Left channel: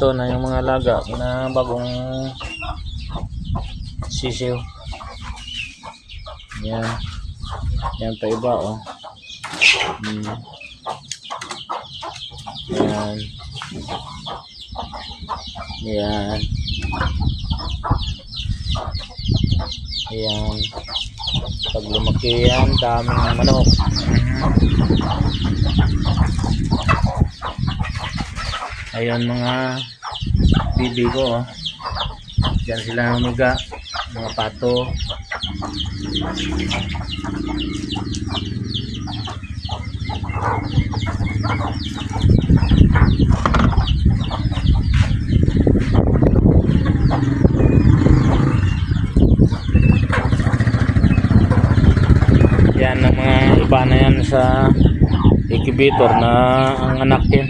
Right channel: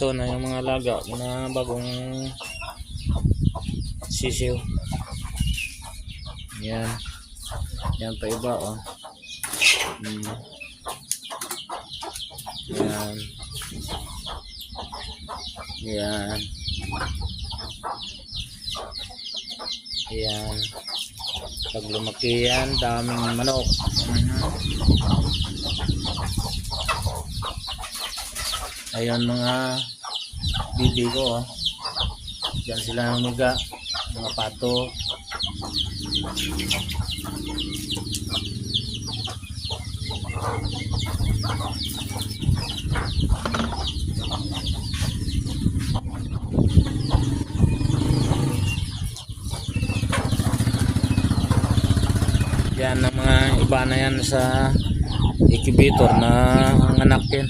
ito na yung mga laga na bagong sisiw. Yan. Yan pa iba oh. Yan. Yan. Yan. Pag lumaki yan, daming manok. Ayun mga bibi ko oh. Diyan sila humiga, mga pato. Yan ang mga iba na yan sa incubator na ang anak din.